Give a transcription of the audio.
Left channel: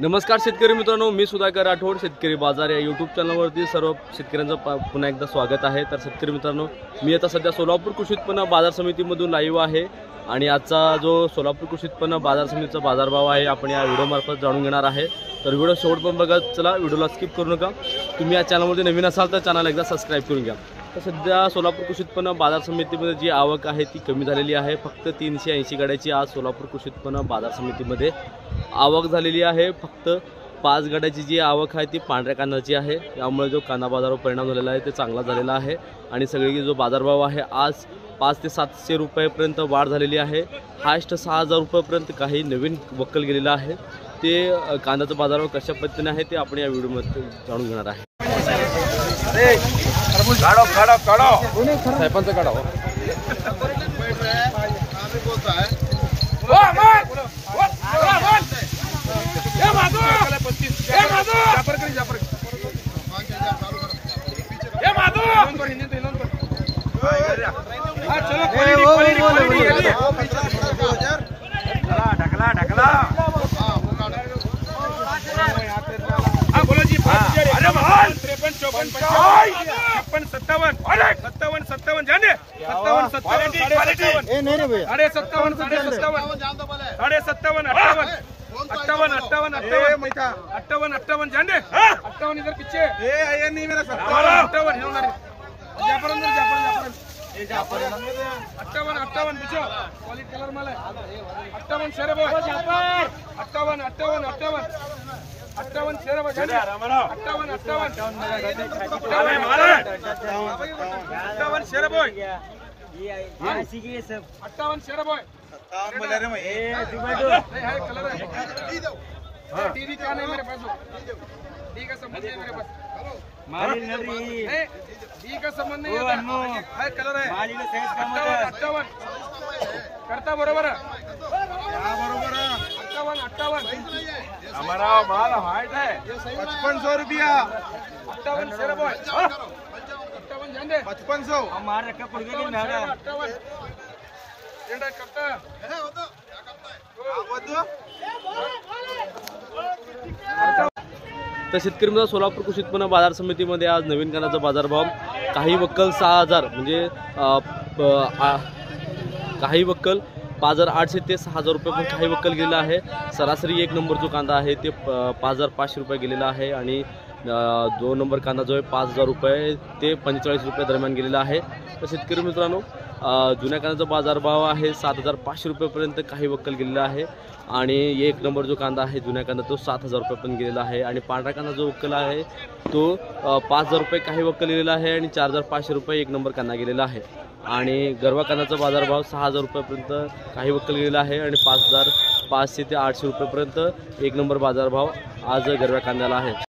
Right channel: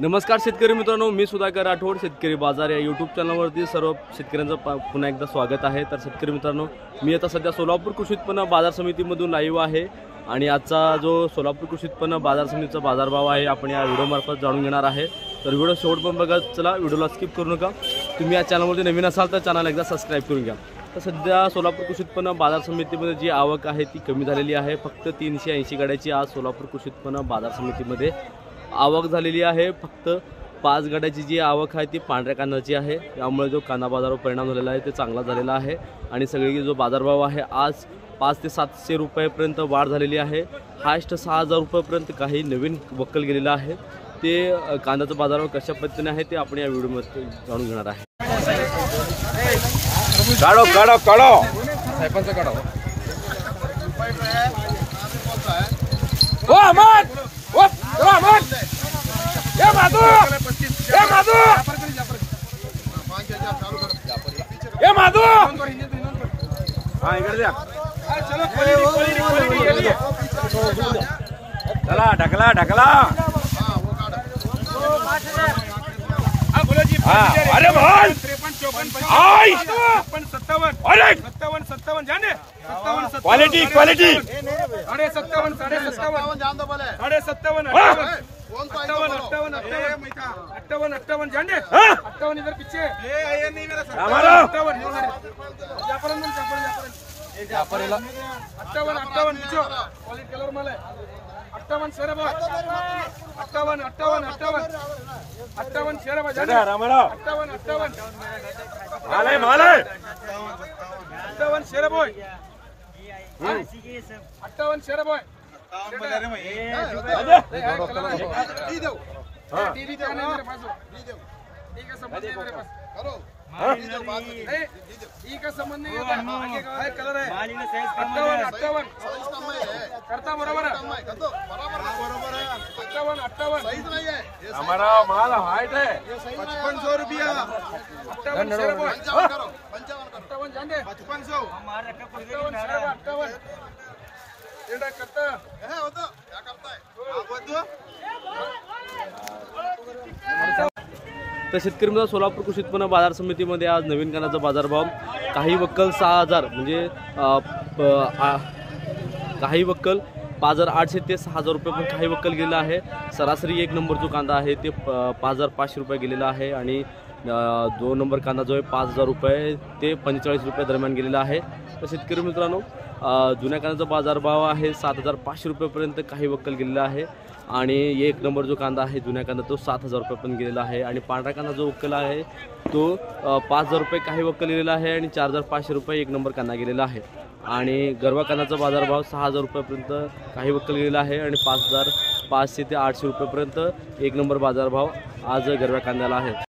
नमस्कार शेतकरी मित्रांनो, मी सुधाकर राठोड शेतकरी बाजार या यूट्यूब चॅनलवरती सर्व शेतकऱ्यांचं पुन्हा एकदा स्वागत आहे। तर शेतकरी मित्रांनो, मी आता सध्या सोलापूर कृषी उत्पन्न बाजार समितीमधून लाईव्ह आहे आणि आजचा जो सोलापूर कृषी उत्पन्न बाजार समितीचा बाजारभाव आहे आपण या व्हिडिओमार्फत जाणून घेणार आहे। तर व्हिडिओ शेवटपर्यंत बघा, चला व्हिडिओला स्किप करू नका। तुम्ही या चॅनलवरती नवीन असाल तर चॅनल एकदा सबस्क्राईब करून घ्या। तर सध्या सोलापूर कृषी उत्पन्न बाजार समितीमध्ये जी आवक आहे ती कमी झालेली आहे। फक्त 380 गाड्याची आज सोलापूर कृषी उत्पन्न बाजार समितीमध्ये आवक झालेली आहे। फक्त 5 गाड्याची जी आवक आहे ती पांढऱ्या कांद्याची आहे। यामुळे जो कांदा बाजारावर परिणाम झालेला आहे ते चांगला झालेला आहे आणि सगळी जो बाजारभाव आहे आज 500 ते 700 रुपयापर्यंत वाढ झालेली आहे। हायस्ट 6000 रुपयापर्यंत काही नवीन वक्कल गेलेला आहे। ते कांद्याचा बाजारभाव कशा पद्धतीने आहे ते आपण या व्हिडिओमध्ये जाणून घेणार आहे। काढो काढो काढो साहेबांचा काढा हो। ढकला ढकला बोलो जी 5000 53 54 55 56 57 57 जाने 57 क्वालिटी क्वालिटी 57 57 58 जाने 58 इधर पीछे 58 जाफरन 58 पूछो क्वालिटी कलर माल है 58 शेर बॉय 58 शेर बॉय जाने 58 शेर बॉय 58 शेर बॉय नहीं है कलर है टीवी क्या नहीं मेरे पास डी का संबंध नहीं मेरे पास नहीं डी का संबंध नहीं आता है कलर है 58 करता बरोबर है 58 हमारा माल हाइट है 5500 रुपया 58 शेर बॉय 58 जान दे 5500 हमारे क्या पड़ गई 58 एंड करता है वो तो क्या करता है तर शेतकरी मित्र, सोलापूर कृषी उत्पन्न बाजार समितीमध्ये आज नवीन कांद्याचा बाजारभाव काही वक्कल 6000 म्हणजे काही वक्कल 5800 ते 6000 रुपये पण काही वक्कल गेलेला आहे। सरासरी 1 नंबर जो कांदा आहे ते 5500 रुपये गेलेला आहे आणि 2 नंबर कांदा जो आहे 5000 रुपये ते 45 रुपये दरम्यान गेलेला आहे। तर शेतकरी मित्रांनो, जुन्या कांद्याचा बाजारभाव आहे 7500 रुपयेपर्यंत काही वक्कल गेलेला आहे आणि 1 नंबर जो कांदा आहे जुन्या कांदा तो 7000 रुपये पण गेलेला आहे आणि पांढरा कांदा जो वक्कल आहे तो 5000 रुपये काही वक्कल गेलेला आहे आणि 4500 रुपये 1 नंबर कांदा गेलेला आहे आणि गरवा कांद्याचा बाजारभाव 6000 रुपयापर्यंत काही वक्कल गेलेला आहे आणि 5500 ते 800 रुपयापर्यंत 1 नंबर बाजारभाव आज गरव्या कांद्याला आहे।